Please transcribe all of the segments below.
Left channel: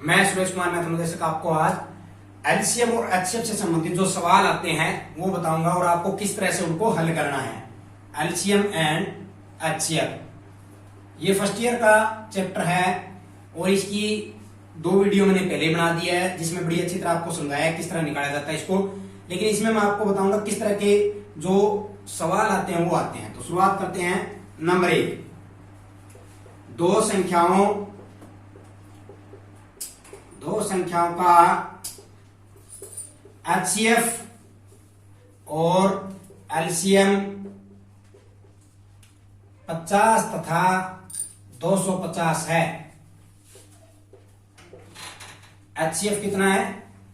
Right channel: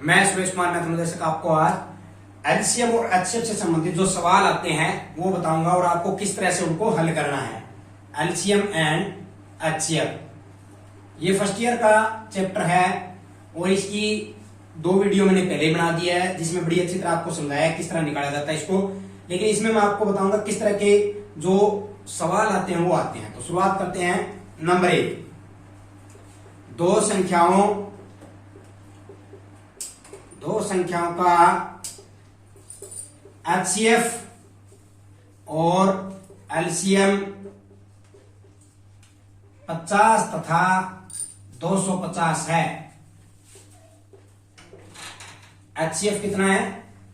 मैं सुरेश कुमार मैथमेटिक्स आपको आज एलसीएम और एचसीएफ से संबंधित जो सवाल आते हैं वो बताऊंगा और आपको किस तरह से उनको हल करना है। एलसीएम एंड एचसीएफ ये फर्स्ट ईयर का चैप्टर है और इसकी 2 वीडियो मैंने पहले बना दिया है जिसमें बड़ी अच्छी तरह आपको समझाया है किस तरह निकाला जाता है इसको। लेकिन इसमें मैं आपको बताऊंगा किस तरह के जो सवाल आते हैं वो आते हैं। तो शुरुआत करते हैं। नंबर 1, दो संख्याओं का एचसीएफ और एलसीएम 50 तथा 250 है। एचसीएफ कितना है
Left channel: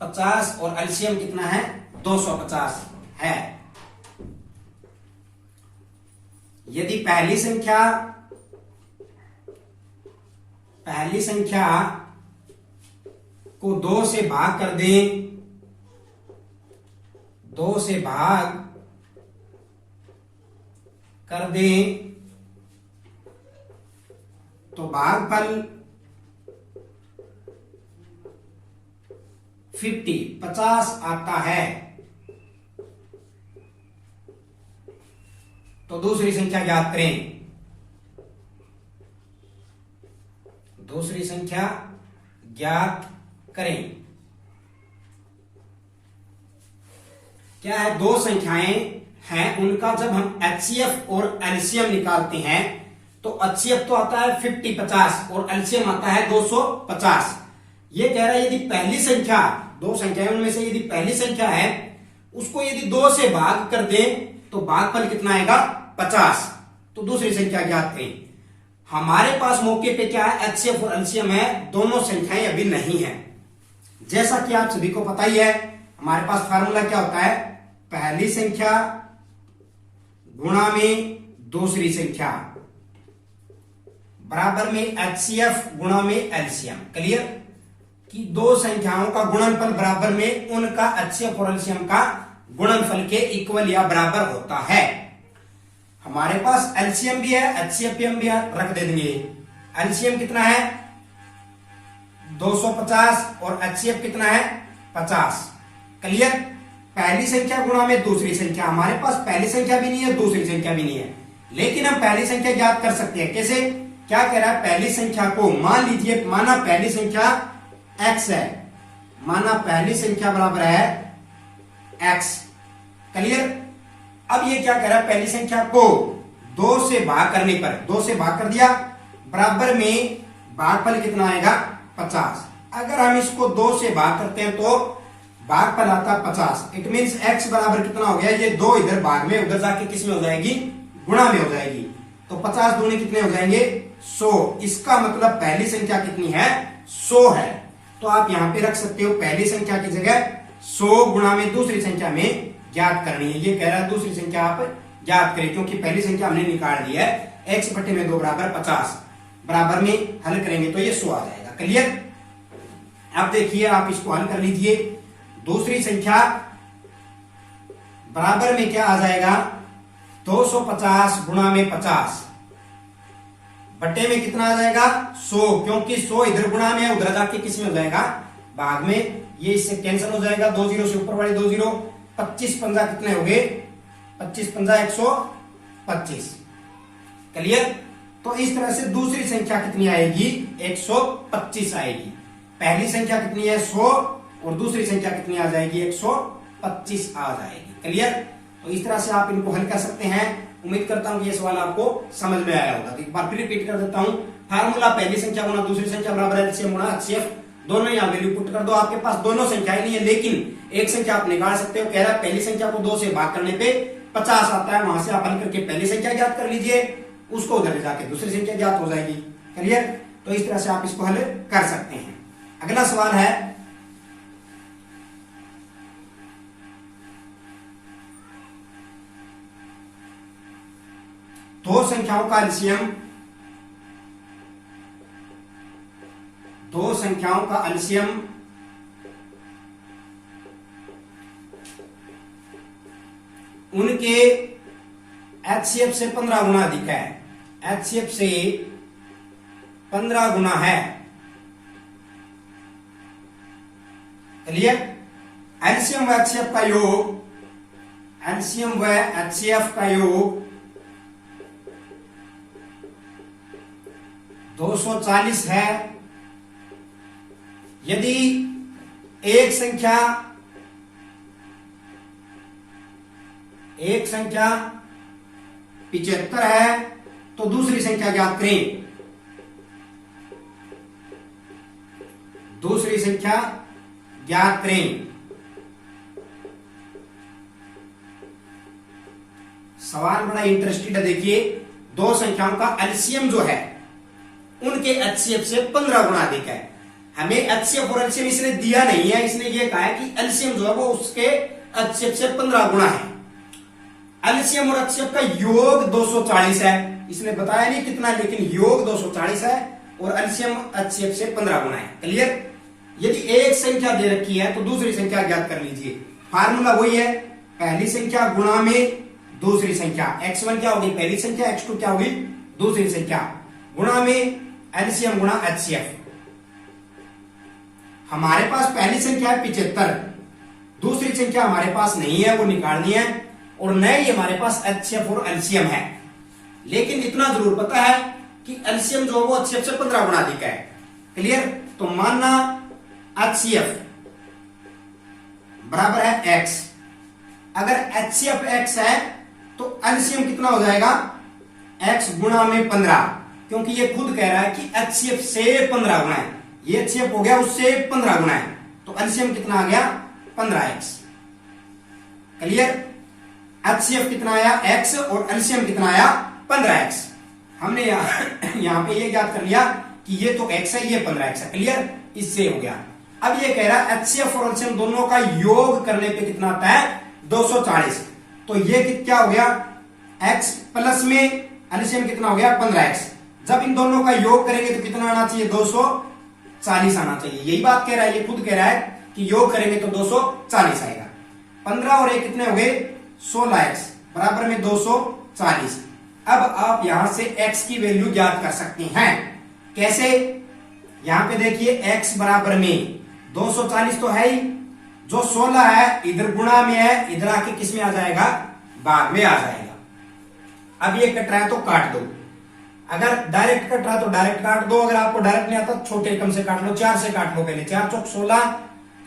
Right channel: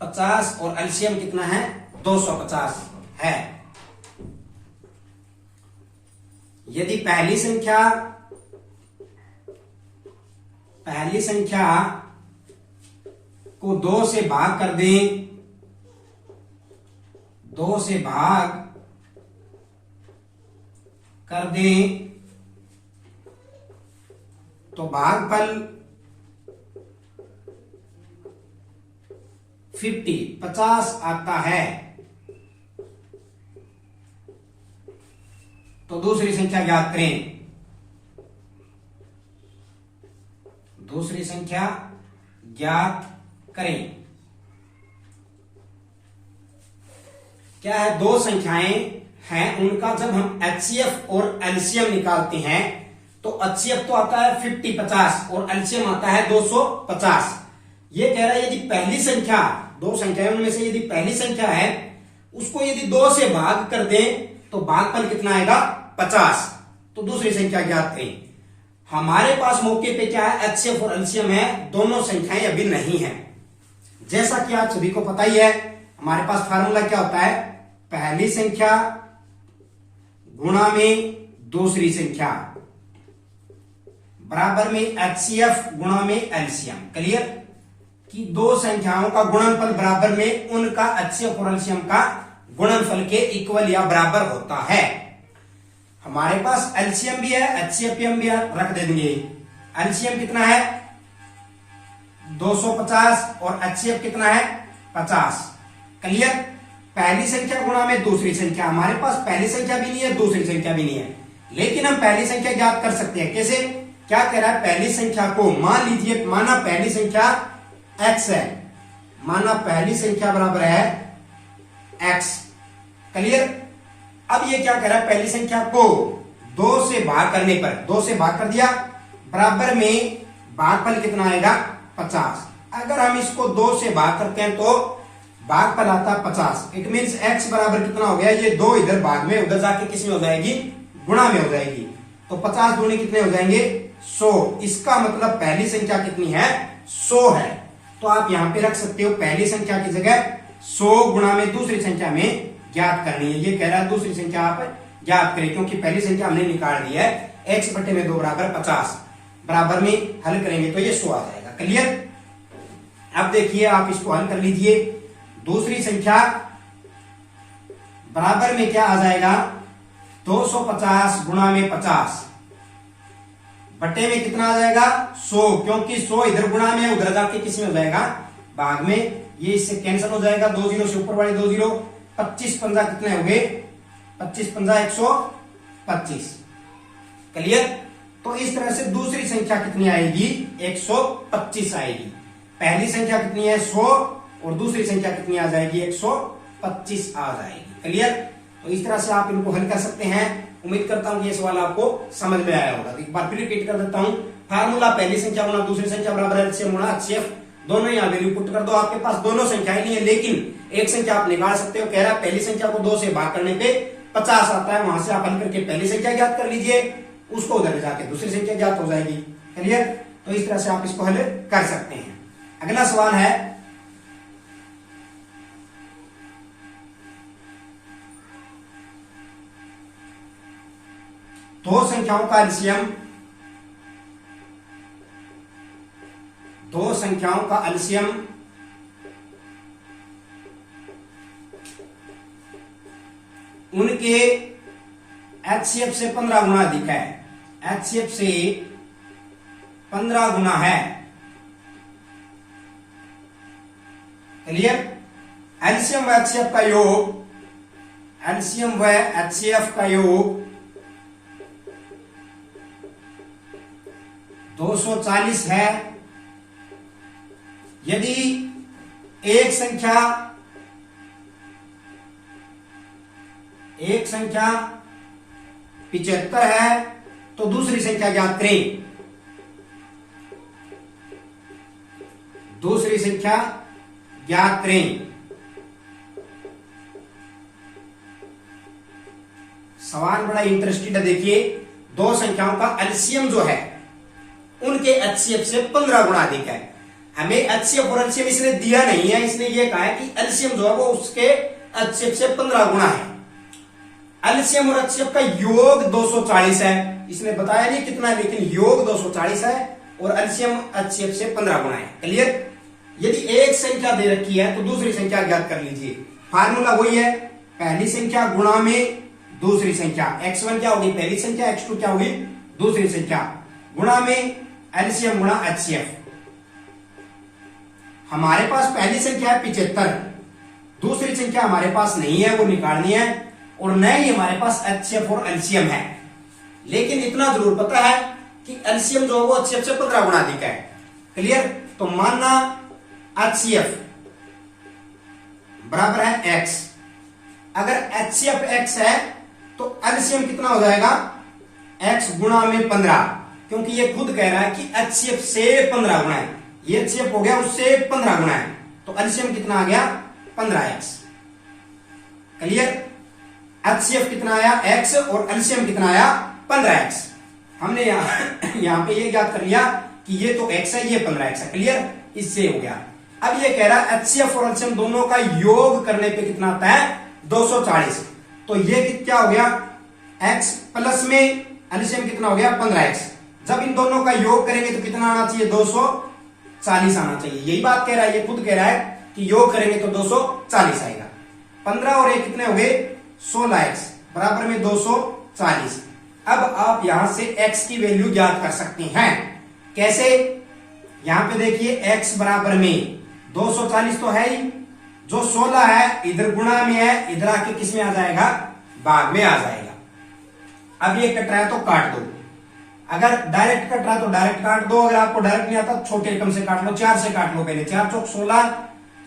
50 और एलसीएम कितना है 250 है। यदि पहली संख्या को 2 से भाग कर दें, 2 से भाग कर दें तो भागफल 50 आता है। तो दूसरी संख्या ज्ञात करें। दूसरी संख्या ज्ञात करें। क्या है, दो संख्याएं हैं उनका जब हम एचसीएफ और एलसीएम निकालते हैं तो एचसीएफ तो आता है 50 और एलसीएम आता है 250। ये कह रहा है यदि पहली संख्या, दो संख्याएं उनमें से यदि पहली संख्या है उसको यदि 2 से भाग कर दें तो भागफल कितना आएगा 50। तो दूसरी संख्या ज्ञात करें। हमारे पास मौके पे क्या है, एचसीएफ और एलसीएम है, दोनों संख्याएं अभी नहीं है। जैसा कि आप सभी को पता ही है हमारे पास फार्मूला क्या होता है, पहली संख्या गुणा में दूसरी संख्या बराबर में एचसीएफ गुणा में एलसीएम। क्लियर कि दो संख्याओं का गुणनफल बराबर में उनका एचसीएफ और एलसीएम का गुणनफल के इक्वल या बराबर होता है। हमारे पास एलसीएम भी है एचसीएफ भी है, रख देंगे। एलसीएम कितना है 250 और एचसीएफ कितना है 50। क्लियर, पहली संख्या गुणा में दूसरी संख्या। हमारे पास पहली संख्या भी नहीं है दूसरी संख्या भी नहीं है, लेकिन हम पहली संख्या ज्ञात कर सकते हैं। कैसे, क्या कह रहा है, पहली संख्या को मान लीजिए, माना पहली संख्या x है, माना पहली संख्या बराबर है x। क्लियर, अब ये क्या कह रहा है, पहली संख्या को 2 से भाग करने पर, 2 से भाग कर दिया, बराबर में भागफल कितना आएगा 50। अगर हम इसको 2 से भाग करते हैं तो भागफल आता 50। इट मींस x बराबर कितना हो गया, ये 2 इधर भाग में, उधर जाके किस में हो जाएगी, गुणा में हो जाएगी। तो 50 दूनी कितने हो जाएंगे 100। इसका मतलब पहली संख्या कितनी है 100 है। तो आप यहां पे रख सकते हो पहली संख्या की जगह 100 गुणा में दूसरी संख्या में ज्ञात करनी है। ये कह रहा है दूसरी संख्या आप ज्ञात करें, क्योंकि पहली संख्या हमने निकाल दी है। x बटे में 2 बराबर 50, बराबर में हल करेंगे तो ये 100 आ जाएगा। क्लियर, अब देखिए आप इसको हल कर लीजिए। दूसरी संख्या बराबर में क्या आ जाएगा 250 गुणा में 50 बटे में कितना आ जाएगा 100, क्योंकि 100 इधर गुणा में है, उधर जाके किस में हो जाएगा भाग में। ये इससे कैंसिल हो जाएगा, 2 0 से ऊपर वाली 2 0, 25 पंजा कितने हो गए 25 पंजा 125। क्लियर, तो इस तरह से दूसरी संख्या कितनी आएगी 125 आएगी। पहली संख्या कितनी है 100 और दूसरी संख्या कितनी आ जाएगी 125 आ जाएगी। क्लियर, तो इस तरह से आप इनको हल कर सकते हैं। उम्मीद करता हूं कि ये सवाल आपको समझ में आया होगा। तो एक बार फिर रिपीट कर देता हूं, फार्मूला पहली संख्या गुणा दूसरी संख्या बराबर एलसीएम गुणा एचसीएफ, दोनों यहां वैल्यू पुट कर दो। आपके पास दोनों संख्याएं नहीं है, लेकिन एक संख्या आप निकाल सकते हो। कह रहा है पहली संख्या को 2 से भाग करने पे 50 आता है, वहां से आप हल करके पहली संख्या ज्ञात कर लीजिए, उसको उधर जाके दूसरी संख्या ज्ञात हो जाएगी। क्लियर, तो इस तरह से आप इसको हल कर सकते हैं। अगला सवाल है, दो संख्याओं का एलसीएम, दो संख्याओं का एलसीएम उनके एचसीएफ से 15 गुना अधिक है, एचसीएफ से 15 गुना है, क्लियर। एलसीएम व एचसीएफ का योग, एलसीएम व एचसीएफ का योग 240 है। यदि एक संख्या 75 है तो दूसरी संख्या ज्ञात करें। दूसरी संख्या ज्ञात करें। सवाल बड़ा इंटरेस्टिंग है। देखिए, दो संख्याओं का एलसीएम जो है उनके एचसीएफ से 15 गुना अधिक है। हमें एचसीएफ और एलसीएम इसने दिया नहीं है, इसने ये कहा है कि एलसीएम जो है वो उसके एचसीएफ से 15 गुना है। एलसीएम और एचसीएफ का योग 240 है, इसने बताया नहीं कितना है, लेकिन योग 240 है और एलसीएम एचसीएफ से 15 गुना है। क्लियर। यदि एक संख्या दे रखी है तो दूसरी संख्या ज्ञात कर लीजिए। फार्मूला वही है, पहली संख्या गुणा में दूसरी संख्या। x1 क्या होगी, पहली संख्या, x2 क्या होगी, दूसरी संख्या, गुणा में एलसीएम गुणा एचसीएफ। हमारे पास पहली संख्या है 75, दूसरी संख्या हमारे पास नहीं है, वो निकालनी है, और न ही हमारे पास एचसीएफ और एलसीएम है। लेकिन इतना जरूर पता है कि एलसीएम जो है वो एचसीएफ से 15 गुना अधिक है। क्लियर। तो मानना एचसीएफ बराबर है x। अगर एचसीएफ x है तो एलसीएम कितना हो जाएगा, x गुणा में 15, क्योंकि ये खुद कह रहा है कि एचसीएफ से 15 गुना है। ये एचसीएफ हो गया उससे 15 गुना है, तो एलसीएम कितना आ गया, 15x। क्लियर। एचसीएफ कितना आया, x, और एलसीएम कितना आया, 15x। हमने यहां पे ये याद कर लिया कि ये तो x है, ये 15x है। क्लियर, इससे हो गया। अब ये कह रहा है एचसीएफ और एलसीएम दोनों का योग करने पे कितना आता है, 240। तो ये क्या हो गया, x प्लस में एलसीएम कितना हो गया, 15x। जब इन दोनों का योग करेंगे तो कितना आना चाहिए, 240 आना चाहिए। यही बात कह रहा है, ये खुद कह रहा है कि योग करेंगे तो 240 आएगा। 15 और 1 कितने हो गए, 16x बराबर में 240। अब आप यहां से x की वैल्यू ज्ञात कर सकते हैं। कैसे, यहां पे देखिए x बराबर में 240 तो है ही, जो 16 है इधर गुणा में है, इधर आके किस में आ जाएगा, भाग में आ जाएगा। अब ये कट रहा है तो काट दो, अगर डायरेक्ट कट रहा है तो डायरेक्ट काट दो, अगर आपको डायरेक्ट नहीं आता तो छोटे रकम से काट लो, 4 से काट लो पहले। 4 चौक 16,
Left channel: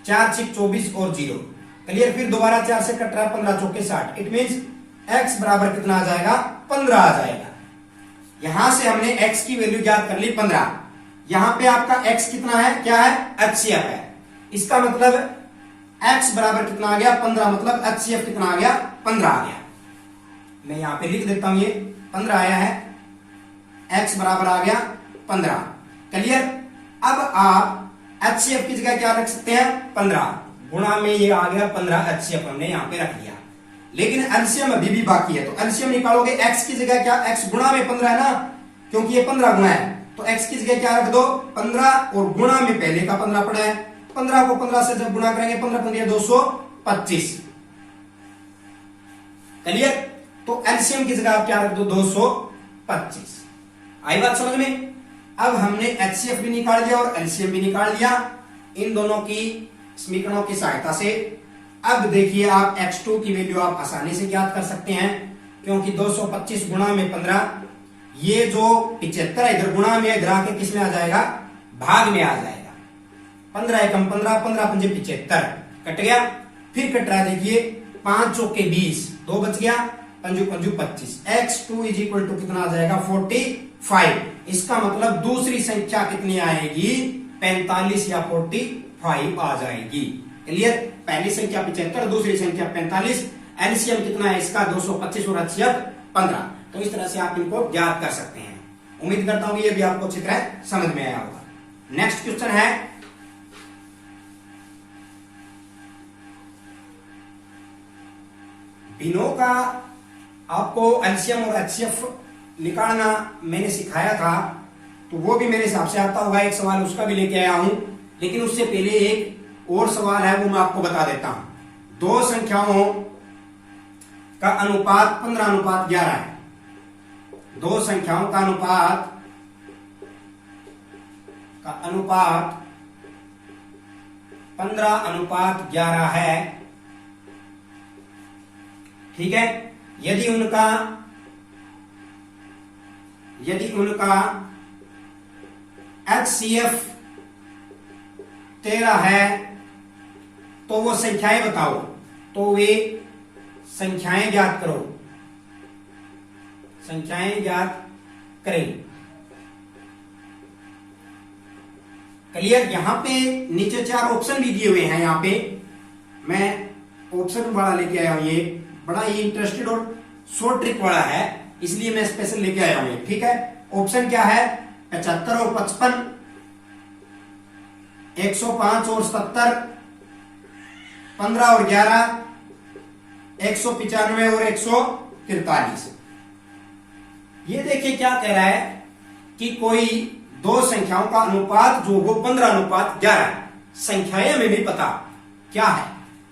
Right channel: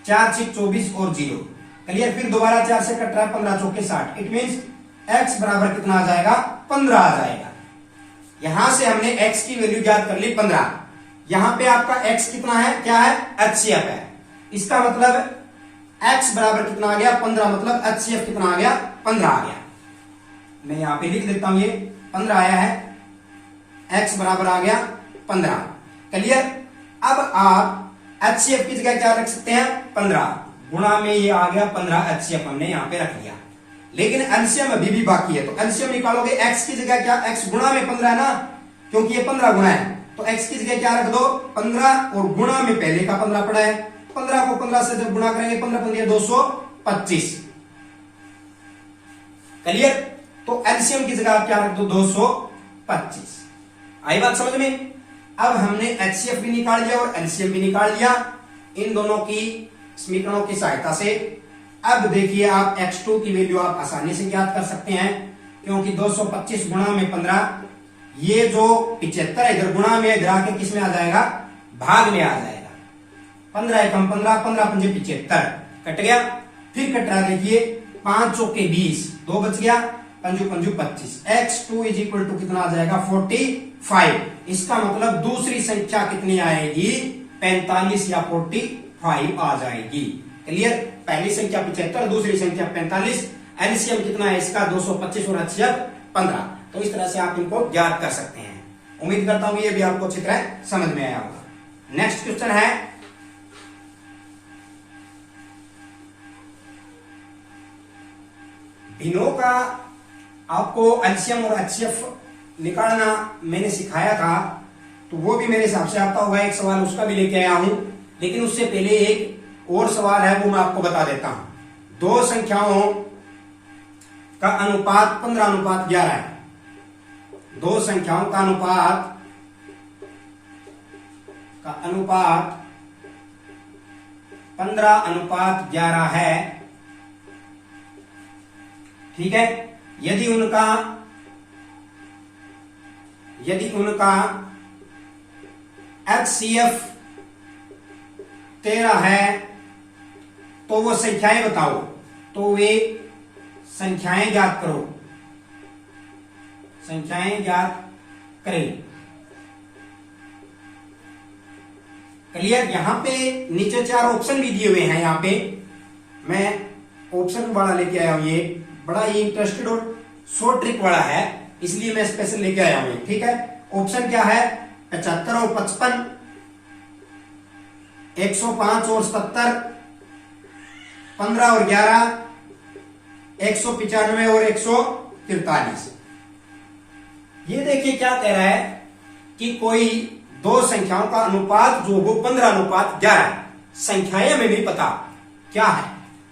4 6 24 और 0। क्लियर। फिर दोबारा 4 से कट रहा है, 15 चौके 60। इट मीन्स x बराबर कितना आ जाएगा, 15 आ जाएगा। यहां से हमने x की वैल्यू ज्ञात कर ली 15। यहां पे आपका x कितना है, क्या है, एचसीएफ है। इसका मतलब x बराबर कितना आ गया, 15, मतलब एचसीएफ कितना आ गया, 15 आ गया। मैं यहां पे लिख देता हूं, ये 15 आया है, x बराबर आ गया 15। क्लियर। अब आप एचसीएफ की जगह क्या रख सकते हैं, 15 गुणा में ये आ गया 15, एचसीएफ हमने यहां पे रख लिया। लेकिन एलसीएम अभी भी बाकी है, तो एलसीएम निकालोगे, x की जगह क्या, x गुणा में 15 है ना, क्योंकि ये 15 गुणा है, तो x की जगह क्या रख दो, 15, और गुणा में पहले का 15 पड़ा है। 15 को 15 से जब गुणा करेंगे, 15 15 225। क्लियर। तो एलसीएम की जगह आप क्या रख दो, 225। आई बात समझ में। अब हमने एचसीएफ भी निकाल लिया और एलसीएम भी निकाल लिया इन दोनों की समीकरणों की सहायता से। अब देखिए, आप x2 की वैल्यू आप आसानी से ज्ञात कर सकते हैं, क्योंकि 225 गुणा में 15, ये जो 75 है इधर गुणा में, इधर आके किस में आ जाएगा, भाग में आ जाएगा। 15 एकम 15, 15 पंजे 75, कट गया। फिर कट रहा है, देखिए 5 चौके 20, 2 बच गया, पंजू पंजू 25। x2 इज इक्वल टू कितना आ जाएगा, 45। इसका मतलब दूसरी संख्या कितनी आएगी, 45 या 45 आ जाएगी। क्लियर। पहली संख्या 75, दूसरी संख्या 45, एलसीएम कितना है इसका, 225 और एचसीएफ 15। तो इस तरह से आप इनको ज्ञात कर सकते हैं। उम्मीद करता हूं ये भी आपको अच्छी तरह समझ में आया होगा। नेक्स्ट क्वेश्चन है, भिन्नों का आपको एलसीएम और एचसीएफ निकालना मैंने सिखाया था, तो वो भी मेरे हिसाब से आता होगा। एक सवाल उसका भी लेके आया हूं, लेकिन उससे पहले एक और सवाल है, वो मैं आपको बता देता हूं। दो संख्याओं का अनुपात 15:11 है। दो संख्याओं का अनुपात 15:11 है, ठीक है। यदि उनका HCF 13 है तो वो संख्याएं बताओ, तो वे संख्याएं ज्ञात करो, संख्याएं ज्ञात करें। क्लियर। यहां पे नीचे 4 ऑप्शन भी दिए हुए हैं। यहां पे मैं ऑप्शन बड़ा लेके आया हूं, ये बड़ा ही इंटरेस्टेड और शॉर्ट ट्रिक वाला है, इसलिए मैं स्पेशल लेके आया हूं, ठीक है। ऑप्शन क्या है? 75 और 55, 105 और 77, 15 और 11, 195 और 143। ये देखिए क्या कह रहा है कि कोई दो संख्याओं का अनुपात जो हो 15:11 है। संख्याएं हमें भी पता क्या है,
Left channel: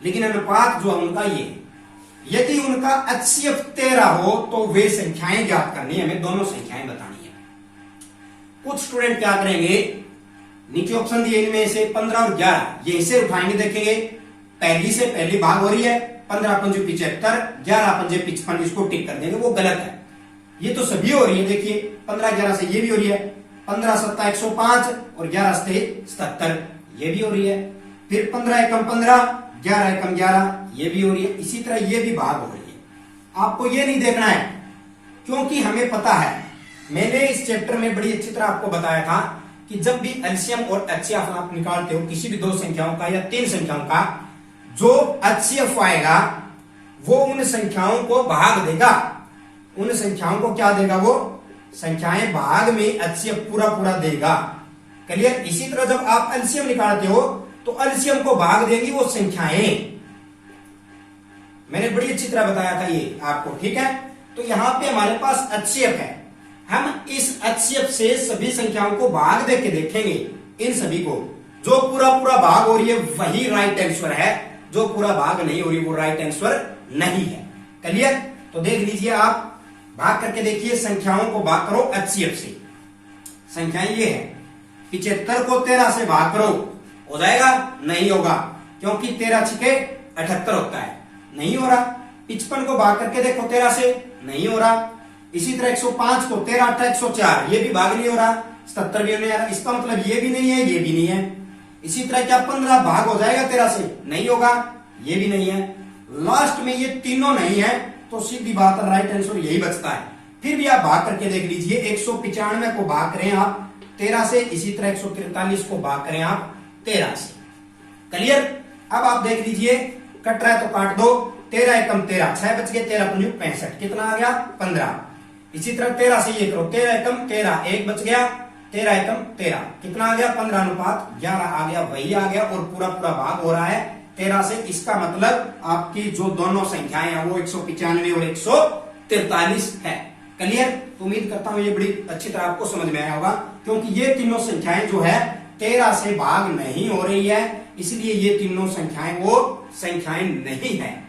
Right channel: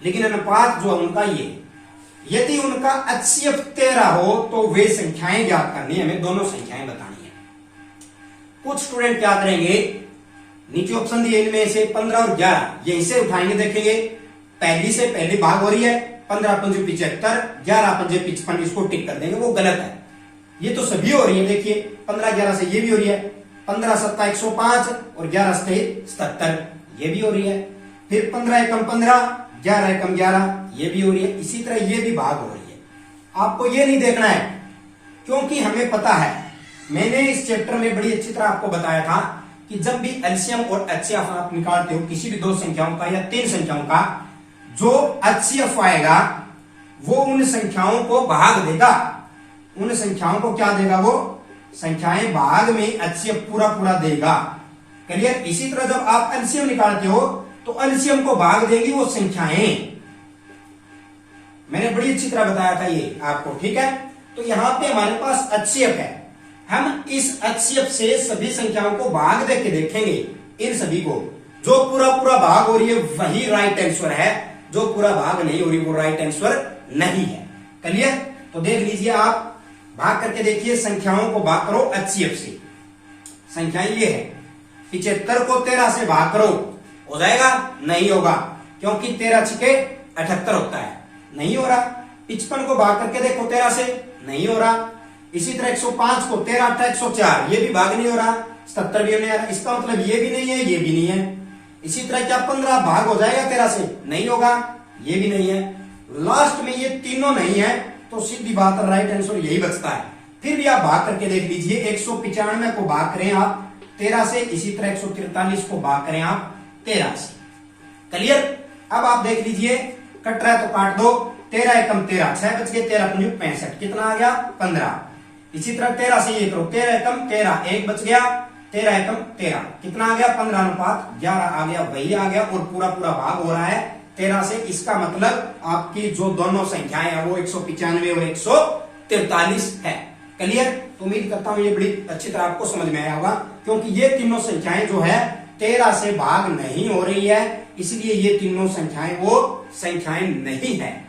लेकिन अनुपात जो है उनका ये, यदि उनका HCF 13 हो तो वे संख्याएं ज्ञात करनी है, हमें दोनों संख्याएं बतानी है। कुछ स्टूडेंट क्या करेंगे, नीचे ऑप्शन दिए इनमें से 15 और 11 यहीं से उठाएंगे, देखेंगे पहली से पहली भाग हो रही है, 15×5 = 75, 11×5 = 55, इसको टिक कर देंगे, वो गलत है। ये तो सभी हो रही है, देखिए 15-11 से ये भी हो रही है, 15×7 = 105 और 11 से 77 ये भी हो रही है, फिर 15×1 = 15, 11×1 = 11 ये भी हो रही है, इसी तरह ये भी भाग हो रही है। आपको ये नहीं देखना है, क्योंकि हमें पता है, मैंने इस चैप्टर में बड़ी अच्छी तरह आपको बताया था कि जब भी एलसीएम और एचसीएफ आप निकालते हो किसी भी दो संख्याओं का या तीन संख्याओं का, जो एचसीएफ आएगा वो उन संख्याओं को भाग देगा, उन संख्याओं को क्या देगा, वो संख्याएं भाग में एचसीएफ पूरा पूरा देगा। क्लियर। इसी तरह जब आप एलसीएम निकालते हो तो एलसीएम को भाग देगी वो संख्याएं, मैंने बड़ी अच्छी तरह बताया था ये आपको, ठीक है। तो यहां पे हमारे पास एचसीएफ है, हम इस एचसीएफ से सभी संख्याओं को भाग दे के देखेंगे, इन सभी को, जो पूरा पूरा भाग हो रही है वही राइट आंसर है, जो पूरा भाग नहीं हो रही वो राइट आंसर नहीं है। क्लियर। तो देख लीजिए, आप भाग करके देखिए, संख्याओं को भाग करो एचसीएफ से। संख्याएं ये है, 75 को 13 से भाग करो, हो जाएगा? नहीं होगा, क्योंकि 13×6 = 78 होता है, नहीं हो रहा। 55 को भाग करके देखो 13 से, नहीं हो रहा। इसी तरह 105 को 13×8 = 104, ये भी भाग नहीं हो रहा। 77 भी नहीं आ रहा, इसका मतलब ये भी नहीं है, ये भी नहीं है। इसी तरह क्या 15 भाग हो जाएगा 13 से? नहीं होगा, ये भी नहीं है। लास्ट में ये तीनों नहीं है, तो सीधी बात है राइट आंसर यही बचता है। फिर भी आप भाग करके देख लीजिए, 195 को भाग करें आप 13 से, इसी तरह 143 को भाग करें आप 13 से। क्लियर। अब आप देख लीजिए, कट रहा है तो काट दो, 13×1 = 13, 6 बच गए, 13×5 = 65, कितना आ गया? 15। इसी तरह 13 से ये करो, 13×1 = 13, 1 बच गया, 13×1 = 13, कितना आ गया? 15:11 आ गया, वही आ गया, और पूरा पूरा भाग हो रहा है 13 से। इसका मतलब आपकी जो दोनों संख्याएं हैं वो 195 और 143 है। क्लियर। तो उम्मीद करता हूं ये बड़ी अच्छी तरह आपको समझ में आया होगा, क्योंकि ये तीनों संख्याएं जो है 13 से भाग नहीं हो रही है, इसलिए ये तीनों संख्याएं वो संख्याएं नहीं है,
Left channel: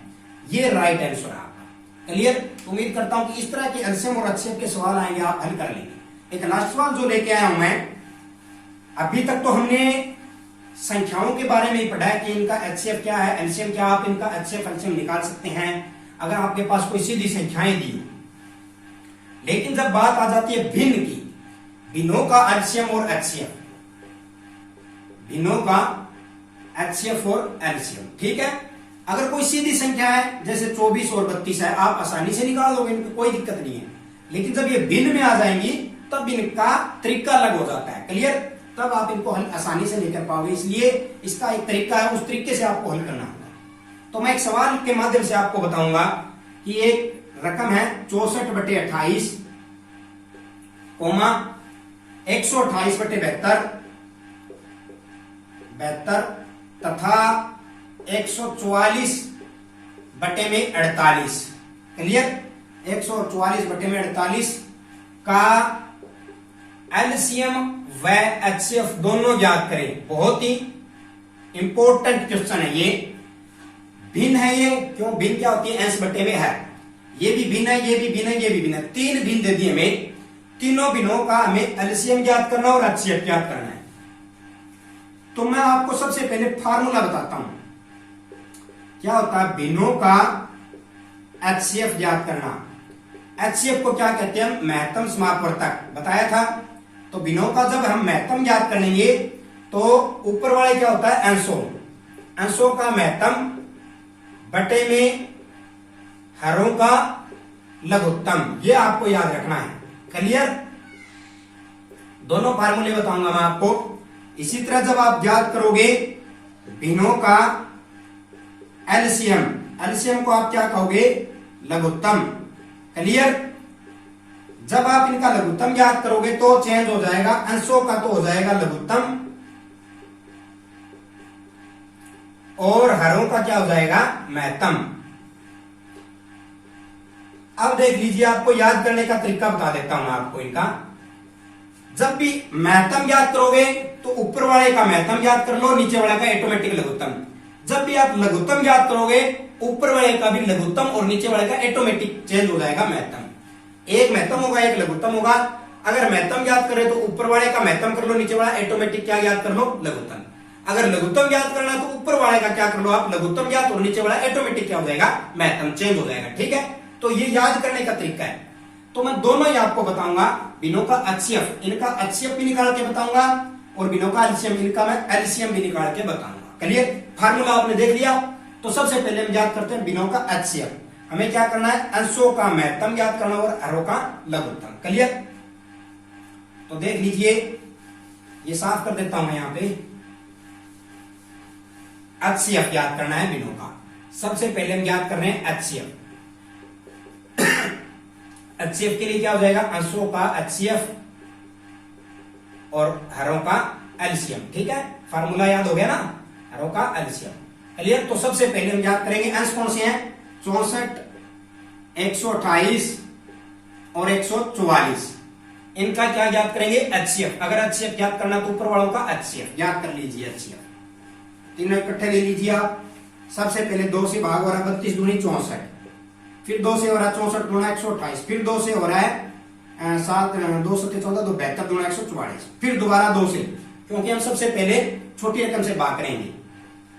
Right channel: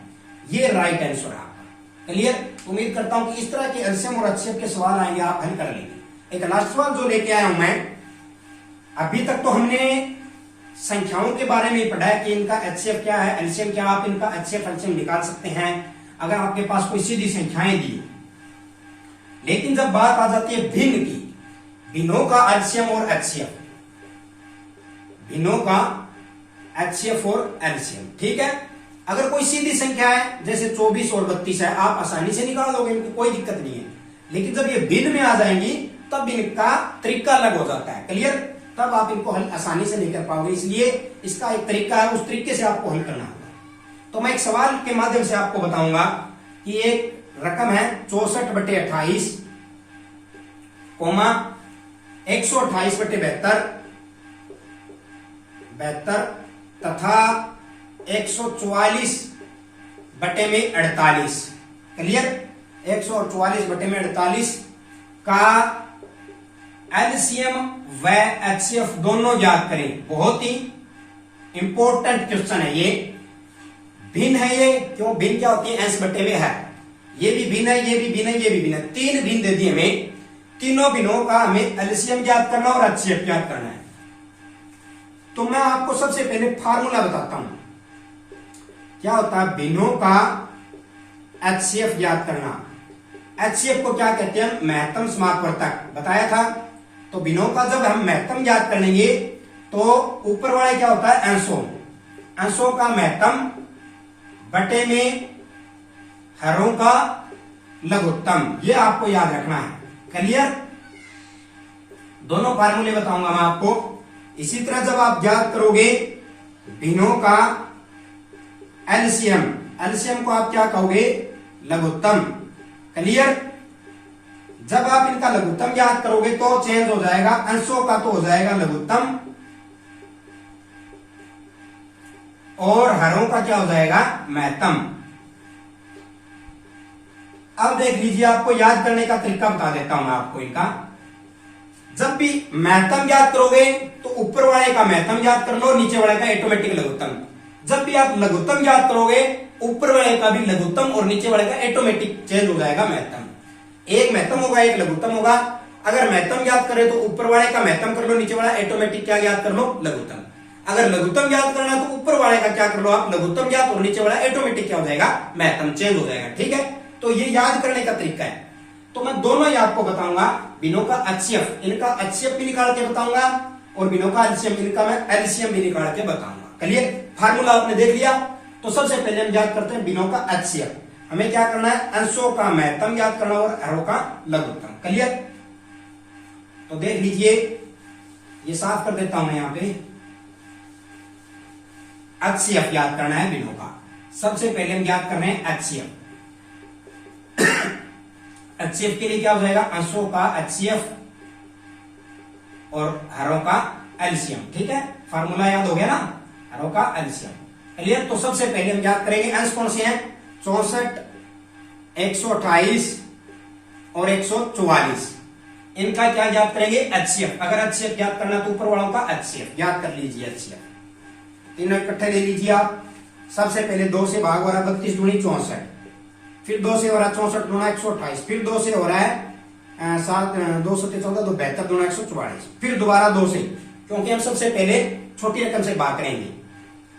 ये राइट आंसर है आपका। क्लियर। उम्मीद करता हूं कि इस तरह के एलसीएम और एचसीएफ के सवाल आएंगे, आप हल कर लेंगे। एक लास्ट सवाल जो लेके आया हूं मैं, अभी तक तो हमने संख्याओं के बारे में ही पढ़ा है कि इनका एचसीएफ क्या है, एलसीएम क्या, आप इनका एचसीएफ एलसीएम निकाल सकते हैं अगर आपके पास कोई सीधी संख्याएं दी। लेकिन जब बात आ जाती है भिन्न की, भिन्नों का एलसीएम और एचसीएफ, भिन्नों का एचसीएफ और एलसीएम, ठीक है। अगर कोई सीधी संख्या है जैसे 24 और 32 है, आप आसानी से निकाल दोगे, इनकी कोई दिक्कत नहीं है। लेकिन जब ये भिन्न में आ जाएंगी तब इनका तरीका अलग हो जाता है। क्लियर। तब आप इनको हल आसानी से नहीं कर पाओगे, इसलिए इसका एक तरीका है, उस तरीके से आपको हल करना होगा। तो मैं एक सवाल के माध्यम से आपको बताऊंगा कि एक रकम है 64/28, 128/72 तथा 144/48। क्लियर। 144/48 का एलसीएम व एचसीएफ दोनों ज्ञात करें। बहुत ही इंपॉर्टेंट क्वेश्चन है ये। भिन्न है ये, क्यों भिन्न क्या होती है? S/V है, ये भी भिन्न है, ये भी भिन्न है, ये भी भिन्न है, 3 भिन्न दे दिए हमें। तीनों भिन्नों का हमें एलसीएम ज्ञात करना और एचसीएफ ज्ञात करना है। तो मैं आपको सबसे पहले फार्मूला बताता हूं। क्या होता है बिनों का एचसीएफ ज्ञात करना। एचसीएफ को क्या कहते हैं? महत्तम समापवर्तक बताया था। तो बिनों का जब हम महत्तम ज्ञात करेंगे तो ऊपर वाले क्या होता है? अंशों। अंशों का महत्तम बटे में हरों का लघुत्तम, ये आपको याद रखना है। क्लियर? दोनों फार्मूले बताऊंगा मैं आपको। इसी तरह जब आप याद करोगे बिनों का एलसीएम, एलसीएम को आप क्या कहोगे? लघुत्तम। क्लियर? जब आप इनका लघुत्तम याद करोगे तो चेंज हो जाएगा, अंशों का तो हो जाएगा लघुत्तम और हरों का क्या हो जाएगा? महत्तम। अब देख लीजिए, आपको याद करने का तरीका बता देता हूं मैं आपको इनका। जब भी महत्तम याद करोगे तो ऊपर वाले का महत्तम याद कर लो, नीचे वाले का ऑटोमेटिक लघुत्तम। जब भी आप लघुत्तम याद करोगे ऊपर वाले का भी लघुत्तम और नीचे वाले का ऑटोमेटिक चेंज हो जाएगा महत्तम। एक महत्तम होगा, एक लघुत्तम होगा। अगर महत्तम याद करें तो ऊपर वाले का महत्तम कर लो, नीचे वाला ऑटोमेटिक क्या याद कर लो? लघुत्तम। अगर लघुत्तम याद करना है तो ऊपर वाले का क्या कर लो आप? लघुत्तम याद, और नीचे वाला ऑटोमेटिक क्या हो जाएगा? महत्तम चेंज हो जाएगा। ठीक है, तो ये याद करने का तरीका है। तो मैं दोनों ही आपको बताऊंगा, बिनों का एचसीएफ, इनका एचसीएफ भी निकाल के बताऊंगा और बिनों का एलसीएम, इनका मैं एलसीएम भी निकाल के बताऊंगा। क्लियर? फार्मूला आपने देख लिया। तो सबसे पहले हम याद करते हैं बिनों का एचसीएफ। हमें क्या करना है? अंशों का महत्तम याद करना और हरों का लघुत्तम। क्लियर? तो देख लीजिए, ये साफ कर देता हूं मैं यहां पे। एचसीएफ याद करना है बिनों का। सबसे पहले हम याद कर रहे हैं एचसीएफ। एचसीएफ के लिए क्या हो जाएगा? अंशों का एचसीएफ और हरों का एलसीएम। ठीक है, फार्मूला याद हो गया ना? हरों का एलसीएम। क्लियर? तो सबसे पहले हम याद करेंगे अंश कौन से हैं? 64, 128 और 144। इनका क्या याद करेंगे? एचसीएफ। अगर एचसीएफ याद करना तो ऊपर वालों का एचसीएफ याद कर लीजिए। एचसीएफ तीनों इकट्ठे ले लीजिए आप। सबसे पहले 2 से भाग हो रहा है 32 दूनी 64, फिर 2 से हो रहा है 64 गुना 128, फिर 2 से हो रहा है 7 2 7 14 2 72 गुना 144, फिर दोबारा 2 से, क्योंकि हम सबसे पहले छोटी रकम से भाग करेंगे।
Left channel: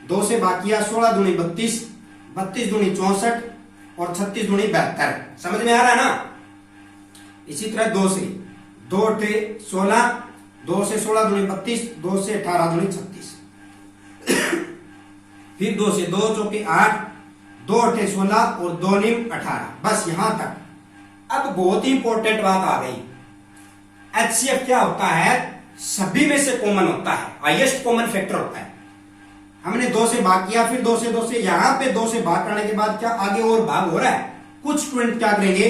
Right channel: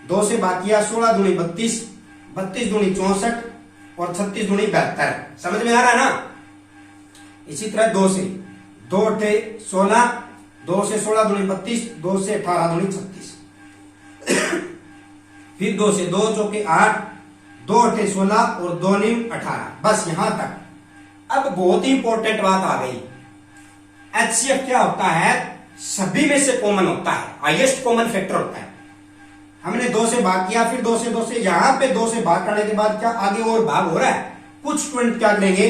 2 से भाग किया 16 दूनी 32, 32 दूनी 64 और 36 दूनी 72। समझ में आ रहा है ना? इसी तरह 2 से 2 8 16, 2 से 16 दूनी 32, 2 से 18 दूनी 36, फिर 2 से 2 चौके 8, 2 8 16 और 2 9 18। बस यहां तक। अब बहुत ही इंपॉर्टेंट बात आ गई। एचसीएफ क्या होता है? सभी में से कॉमन होता है, हाईएस्ट कॉमन फैक्टर होता है। हमने 2 से भाग किया, फिर 2 से 2 से, यहां पे 2 से भाग करने के बाद क्या आगे और भाग हो रहा है? कुछ स्टूडेंट क्या करेंगे?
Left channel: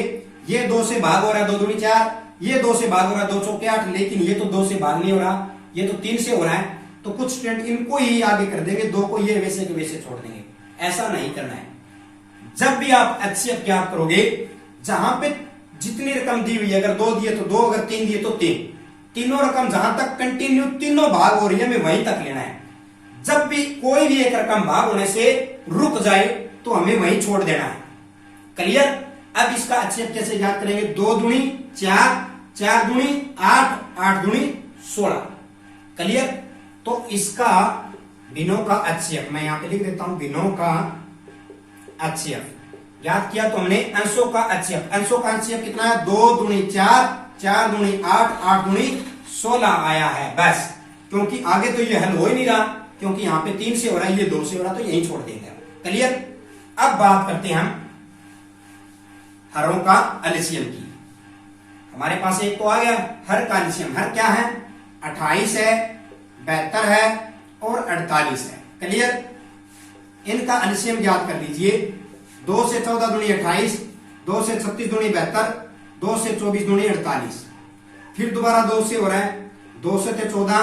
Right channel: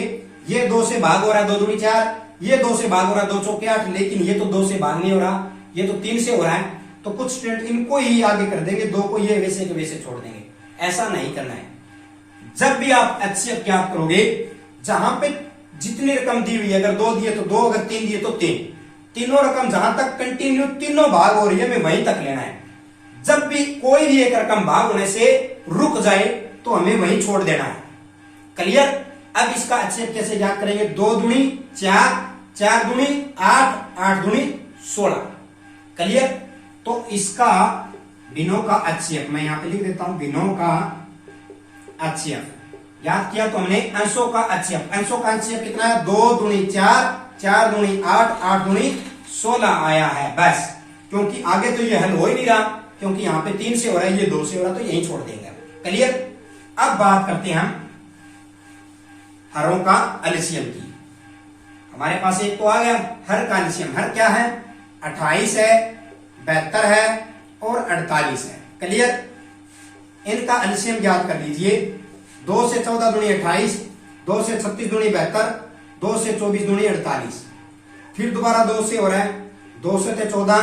ये 2 से भाग हो रहा है 2 दूनी 4, ये 2 से भाग हो रहा है 2 चौके 8, लेकिन ये तो 2 से भाग नहीं हो रहा, ये तो 3 से हो रहा है। तो कुछ स्टूडेंट इनको ही आगे कर देंगे, 2 को ये वैसे के वैसे छोड़ देंगे। ऐसा नहीं करना है। जब भी आप एचसीएफ याद करोगे, जहां पे जितनी रकम दी हुई है, अगर 2 दिए तो 2, अगर 3 दिए तो 3, तीनों रकम जहां तक कंटिन्यू तीनों भाग हो रही है, हमें वहीं तक लेना है। जब भी कोई भी एक रकम भाग होने से रुक जाए तो हमें वहीं छोड़ देना है। क्लियर? अब इसका एचसीएफ कैसे याद करेंगे? 2 दूनी 4, 4 दूनी 8, 8 दूनी 16। क्लियर? तो इसका बिनों का एचसीएफ मैं यहां पे लिख देता हूं। बिनों का एचसीएफ याद किया तो हमने अंशों का एचसीएफ। अंशों का एचसीएफ कितना है? 2 दूनी 4, 4 दूनी 8, 8 दूनी 16 आया है। बस, क्योंकि आगे तो ये हल हो ही नहीं रहा, क्योंकि यहां पे 3 से हो रहा है, ये 2 से हो रहा है, तो यही छोड़ देंगे। क्लियर? अब बात करते हैं हम हरों का एलसीएम की। हमारे पास एक तो आ गया हर का एलसीएम। हर क्या है? 28 है, 72 है और 48 है। क्लियर? इनका एलसीएम याद कर लीजिए। 2 से 14 दूनी 28, 2 से 36 दूनी 72, 2 से 24 दूनी 48, फिर दोबारा 2 से हो रहा है 2 से 14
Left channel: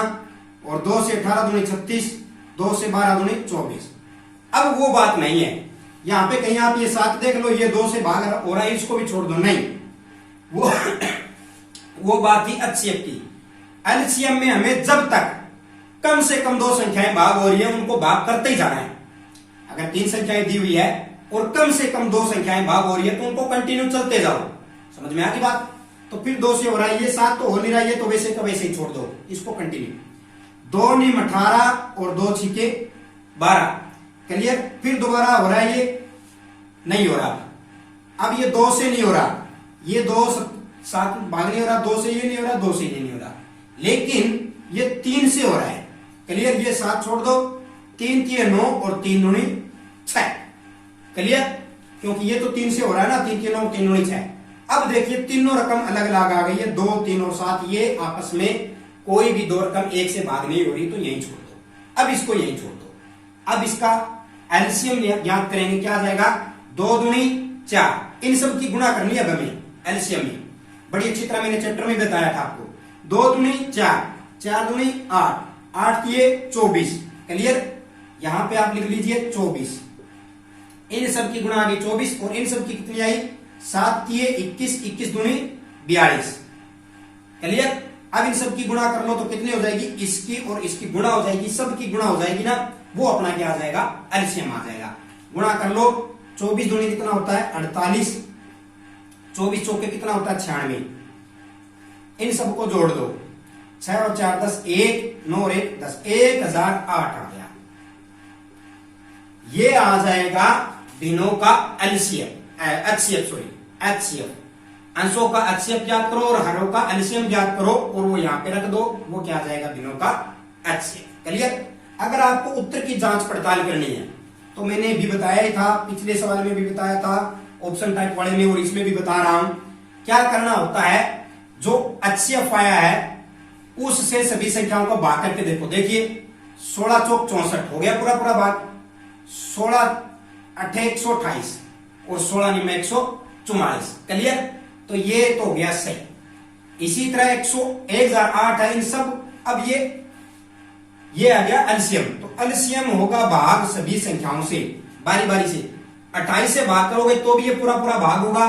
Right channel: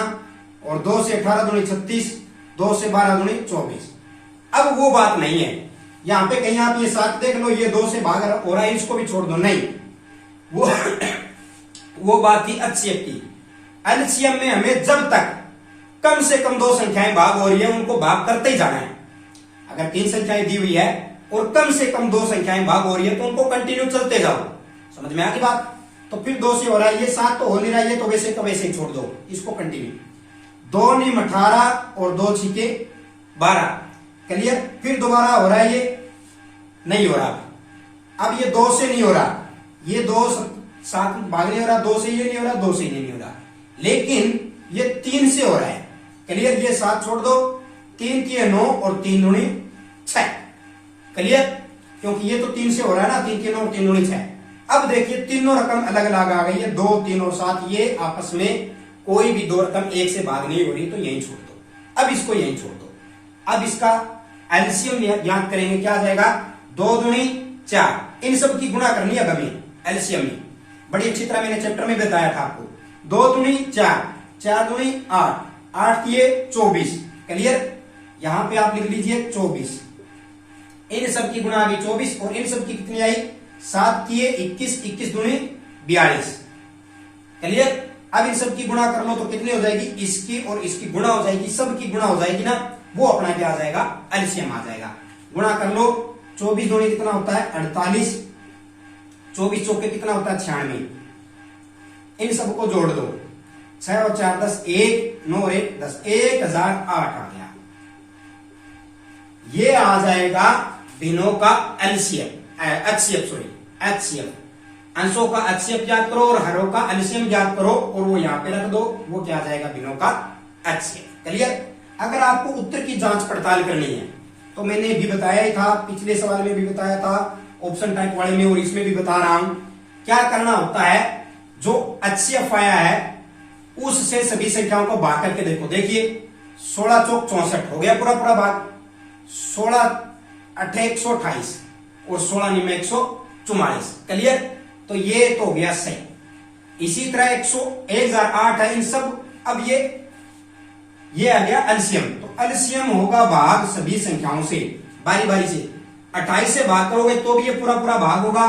और 2 से 18 दूनी 36, 2 से 12 दूनी 24। अब वो बात नहीं है, यहां पे कहीं आप ये 7 देख लो, ये 2 से भाग हो रहा है, इसको भी छोड़ दो। नहीं, वो बात थी एचसीएफ की। एलसीएम में हमें जब तक कम से कम 2 संख्याएं भाग हो रही है, उनको भाग करते ही जाना है। अगर 3 संख्याएं दी हुई है और कम से कम 2 संख्याएं भाग हो रही है, तो उनको कंटिन्यू चलते जाओ। समझ में आ गई बात? तो फिर 2 से हो रहा है, ये 7 तो हो नहीं रहा है, ये तो वैसे का वैसे ही छोड़ दो, इसको कंटिन्यू। 2 नीम 18 और 2 छीके 12। क्लियर। फिर दोबारा हो रहा है, ये नहीं हो रहा। अब ये 2 से नहीं हो रहा, ये 2 साथ भाग नहीं हो रहा, 2 से ये नहीं हो रहा, 2 से ये नहीं हो रहा, लेकिन ये 3 से हो रहा है। क्लियर। ये 7 छोड़ दो, 3 3 9 और 3 दूनी 6। क्लियर। क्योंकि ये तो 3 से हो रहा है ना, 3 3 9 3 दूनी 6। अब देखिए तीनों रकम अलग अलग आ गई है, 2 3 और 7, ये आपस में कोई भी 2 रकम एक से भाग नहीं हो रही, तो यही छोड़ दो। अब इसको यही छोड़ दो। अब इसका एलसीएम ज्ञात करेंगे, क्या आ जाएगा, 2 दूनी 4। इन सब की गुणा करनी है अब हमें एलसीएम में, बड़ी अच्छी तरह मैंने चैप्टर में बताया था आपको। 2 दूनी 4, 4 दूनी 8, 8 किए 24। क्लियर। यहां पे आप लिख लीजिए 24। इन सब की गुणा आ गई 24, और इन सब की कितनी आई, 7 किए 21, 21 दूनी 42। क्लियर। अब इन सब की गुणा कर लो तो कितनी हो जाएगी, इसकी और इसकी गुणा हो जाएगी, सब की गुणा हो जाएगी ना, वो अपना क्या आ जाएगा, एलसीएम आ जाएगा। गुणा कर लो, 24 दूनी कितना होता है 48, 24 चौके कितना होता है 96। इन सबको जोड़ दो, 6 और 4 10, 1 9 और 1 10, 1008 आ गया। ये आ जाएगा दिनों का एलसीएम, एचसीएफ, सॉरी एचसीएफ। अंशों का एचसीएफ ज्ञात करो और हरों का एलसीएम ज्ञात करो, और वो यहां पे रख दो, वो क्या आ जाएगा, दिनों का एचसीएफ। क्लियर। अगर आपको उत्तर की जांच पड़ताल करनी है तो मैंने भी बताया ही था, पिछले सवाल में भी बताया था, ऑप्शन टाइप वाले में, और इसमें भी बता रहा हूं। क्या करना होता है, जो एचसीएफ आया है उससे सभी संख्याओं को भाग करके देखो। देखिए 16 चौक 64 हो गया पूरा पूरा भाग, 16 8 128 और 16 निम 144। क्लियर। तो ये तो हो गया सही। इसी तरह 1008 है इन सब। अब ये आ गया एलसीएम। तो एलसीएम होगा भाग सभी संख्याओं से बारी बारी से। 28 से भाग करोगे तो भी ये पूरा पूरा भाग होगा,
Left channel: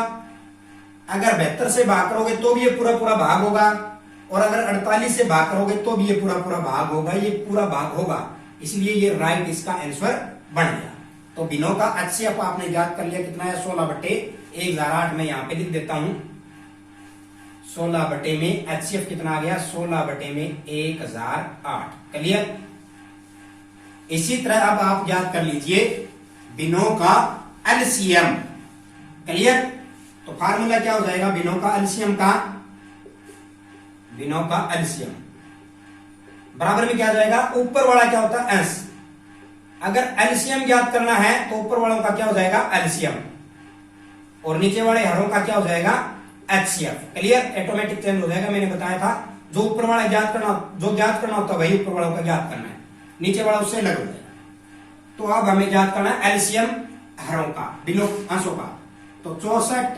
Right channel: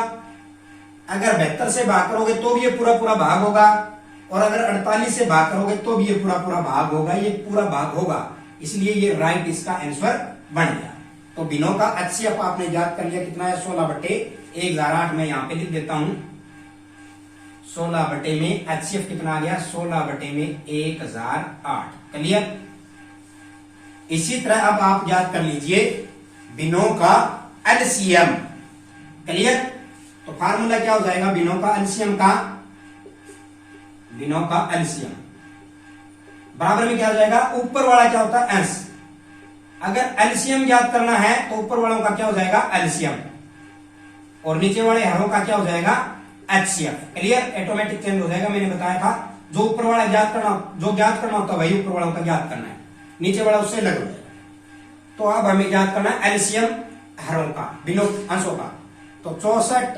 अगर 72 से भाग करोगे तो भी ये पूरा पूरा भाग होगा, और अगर 48 से भाग करोगे तो भी ये पूरा पूरा भाग होगा, ये पूरा भाग होगा। इसलिए ये राइट इसका आंसर बन गया। तो दिनों का एचसीएफ आपने ज्ञात कर लिया, कितना है 16/1008। मैं यहां पे लिख देता हूं, 16 में एचसीएफ कितना आ गया, 16/1008। क्लियर। इसी तरह अब आप ज्ञात कर लीजिए दिनों का एलसीएम। क्लियर। तो फार्मूला क्या हो जाएगा दिनों का एलसीएम का, दिनों का एलसीएम बराबर में क्या आ जाएगा, ऊपर वाला क्या होता है अंश। अगर एलसीएम ज्ञात करना है तो ऊपर वालों का क्या हो जाएगा एलसीएम, और नीचे वाले हरों का क्या हो जाएगा एचसीएफ। क्लियर। ऑटोमेटिक चेंज हो जाएगा, मैंने बताया था। जो ऊपर वाला ज्ञात करना, जो ज्ञात करना होता है वही ऊपर वालों का ज्ञात करना है, नीचे वाला उससे अलग हो जाएगा। तो अब हमें ज्ञात करना है एलसीएम हरों का, दिनों अंशों का। तो 64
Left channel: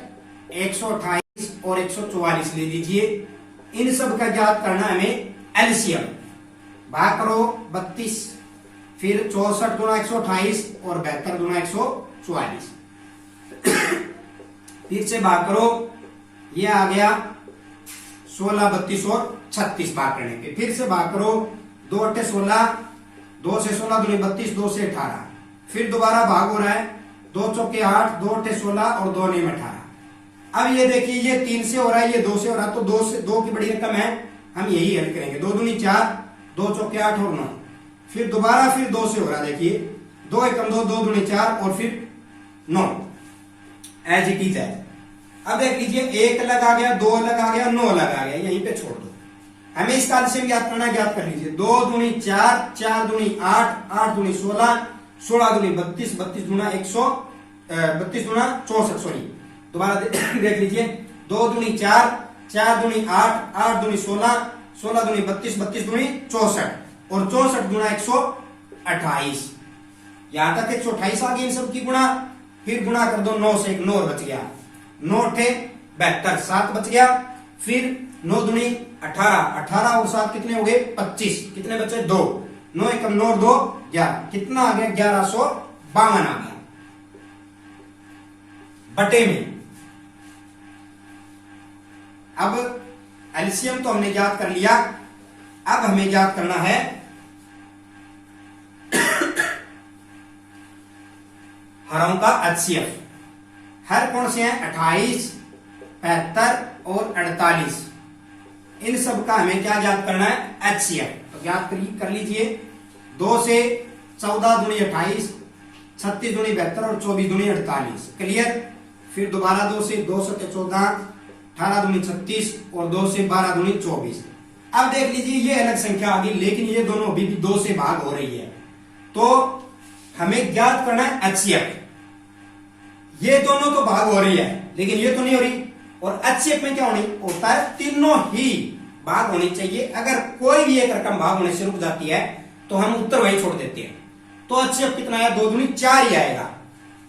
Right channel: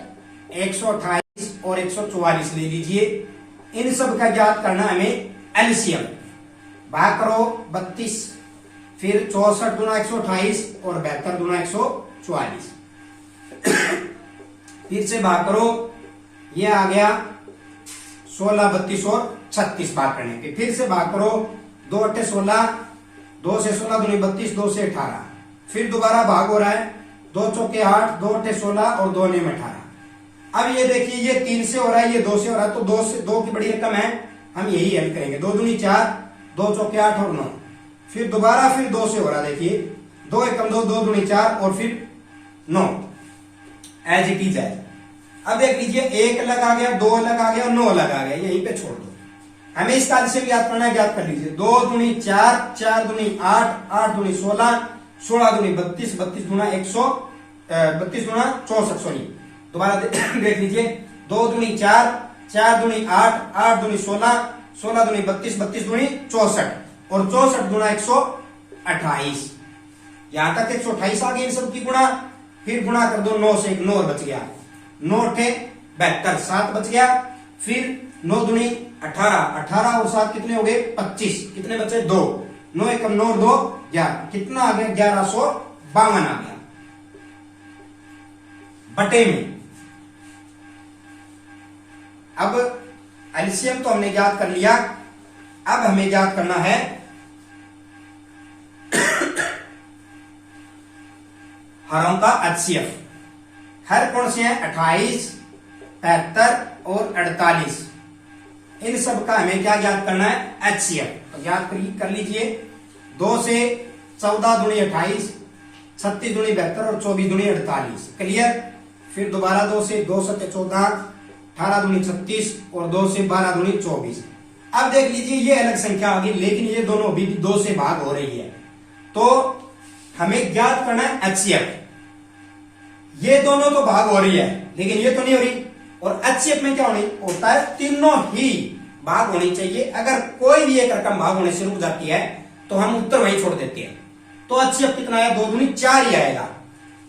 128 और 144 ले लीजिए। इन सब का ज्ञात करना हमें एलसीएम। भाग करो 32, फिर 64 गुना 128 और 72 गुना 144। फिर से भाग करो, ये आ गया 16 32 और 36 भाग करने के। फिर से भाग करो, 2 8 16, 2 से 16 दूनी 32, 2 से 18। फिर दोबारा भाग हो रहा है, 2 चौके 8, 2 8 16 और 2 9 18। अब ये देखिए ये 3 से हो रहा है, ये 2 से हो रहा है, तो 2 से 2 की बड़ी रकम है, हम यही हल करेंगे। 2 दूनी 4, 2 चौके 8 और 9। फिर दोबारा फिर 2 से हो रहा है, देखिए 2 एकम 2, 2 दूनी 4 और फिर 9, एज इट इज है। अब देख लीजिए 1 अलग आ गया, 2 अलग आ गया, 9 अलग आ गया, यहीं पे छोड़ दो। हमें इसका एलसीएम ज्ञात करना है, ज्ञात कर लीजिए। 2 दूनी 4, 4 दूनी 8, 8 दूनी 16, 16 दूनी 32, 32 गुना 32 गुना 64, सॉरी दोबारा देख लीजिए। 2 दूनी 4, 4 दूनी 8, 8 दूनी 16, 16 दूनी 32, 32 दूनी 64 और 64 गुना 128। यहां तक 128 आ गई इन सब की गुणा। फिर गुणा कर दो 9 से, 1 9 बच गया, 9 8 72, 7 बच गया। फिर 9 दूनी 18, 18 और 7 कितने हो गए 25, कितने बचे 2, 9 एकम 9 2 11, कितना आ गया 1152 आ गया बटे में। अब एलसीएम तो हमने ज्ञात कर लिया, अब हमें ज्ञात करना है हरों का एचसीएफ। हर कौन से हैं 28, 75 और 48। इन सब का हमें क्या ज्ञात करना है एचसीएफ। तो ज्ञात कर लीजिए 2 से 14 दूनी 28, 36 दूनी 72 और 24 दूनी 48। क्लियर। फिर दोबारा 2 से 2 सत्य 14, 18 दूनी 36 और 2 से 12 दूनी 24। अब देख लीजिए ये अलग संख्या आ गई, लेकिन ये दोनों अभी भी 2 से भाग हो रही है। तो हमें ज्ञात करना है एचसीएफ। ये दोनों तो भाग हो रही है लेकिन ये तो नहीं हो रही। और एचसीएफ में क्या होता है, तीनों ही भाग होनी चाहिए। अगर कोई भी एक रकम भाग होने से रुक जाती है तो हम उत्तर वही छोड़ देते हैं। तो एचसीएफ कितना है, 2 दूनी 4 ही आएगा।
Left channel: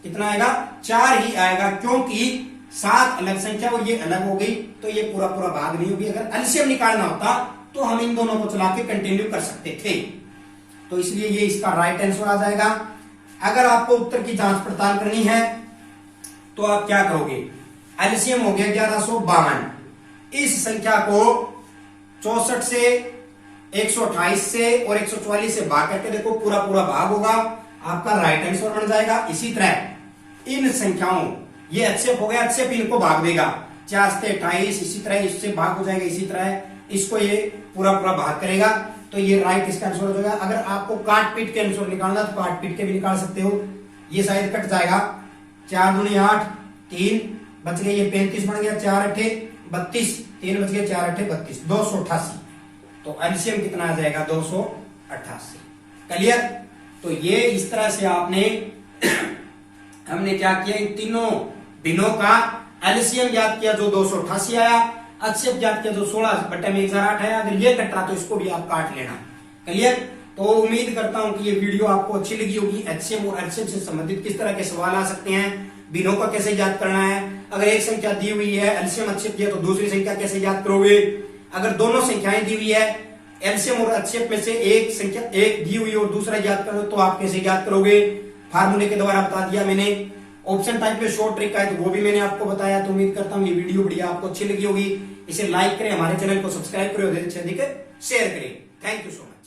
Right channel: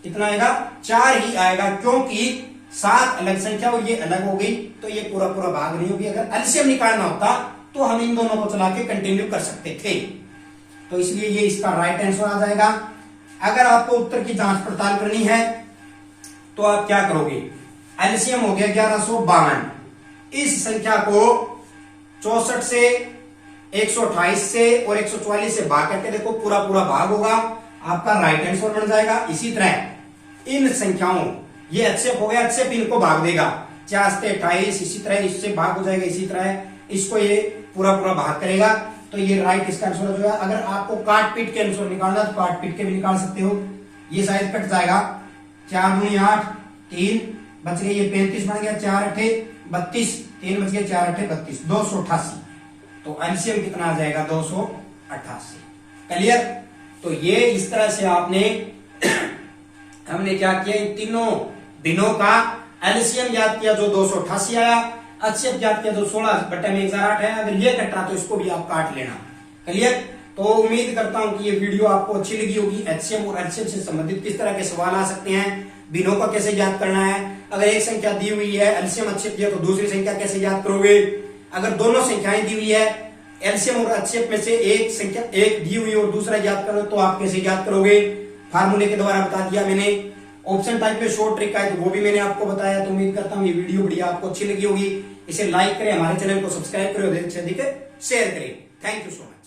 कितना आएगा, 4 ही आएगा, क्योंकि 7 अलग संख्या और ये अलग हो गई तो ये पूरा भाग नहीं होगी। अगर एलसीएम निकालना होता तो हम इन दोनों को चला के कंटिन्यू कर सकते थे। तो इसलिए ये इसका राइट आंसर आ जाएगा। अगर आपको उत्तर की जांच पड़ताल करनी है तो आप क्या करोगे, एलसीएम हो गया 1152, इस संख्या को 64 से 128 से और 144 से भाग करके देखो, पूरा भाग होगा, आपका राइट आंसर बन जाएगा। इसी तरह इन संख्याओं, ये एचसीएफ हो गया, एचसीएफ इनको भाग देगा 4 से 28, इसी तरह इससे भाग हो जाएगा, इसी तरह इसको ये पूरा भाग करेगा। तो ये राइट इसका आंसर हो जाएगा। अगर आपको काट पीट के आंसर निकालना तो काट पीट के भी निकाल सकते हो। ये शायद कट जाएगा, 4 दूनी 8, 3 बच गए, ये 35 बन गया, 4 8 32, 3 बच गया, 4 8 32, 288। तो एलसीएम कितना आ जाएगा, 288। क्लियर। तो ये इस तरह से आपने हमने क्या किया, इन तीनों दिनों का एलसीएम याद किया जो 288 आया, एचसीएफ ज्ञात किया जो 16/1008 है। अगर ये कट रहा तो इसको भी आप काट लेना। क्लियर। तो उम्मीद करता हूं कि ये वीडियो आपको अच्छी लगी होगी। एचसीएफ और एचसीएफ से संबंधित किस तरह के सवाल आ सकते हैं, बिनों का कैसे याद करना है, अगर एक संख्या दी हुई है एलसीएम एचसीएफ दिया तो दूसरी संख्या कैसे याद करोगे, अगर दोनों संख्याएं दी हुई है एलसीएम और एचसीएफ में से एक संख्या एक दी हुई और दूसरा याद करो तो आप कैसे याद करोगे, फार्मूले के द्वारा बता दिया मैंने। ऑप्शन टाइप में शॉर्ट ट्रिक है तो वो भी मैंने आपको बताया। तो उम्मीद करता हूं ये वीडियो बढ़िया आपको अच्छी लगी होगी। इसे लाइक करें, हमारे चैनल को सब्सक्राइब करें और अधिक से अधिक शेयर करें। Thank you so much.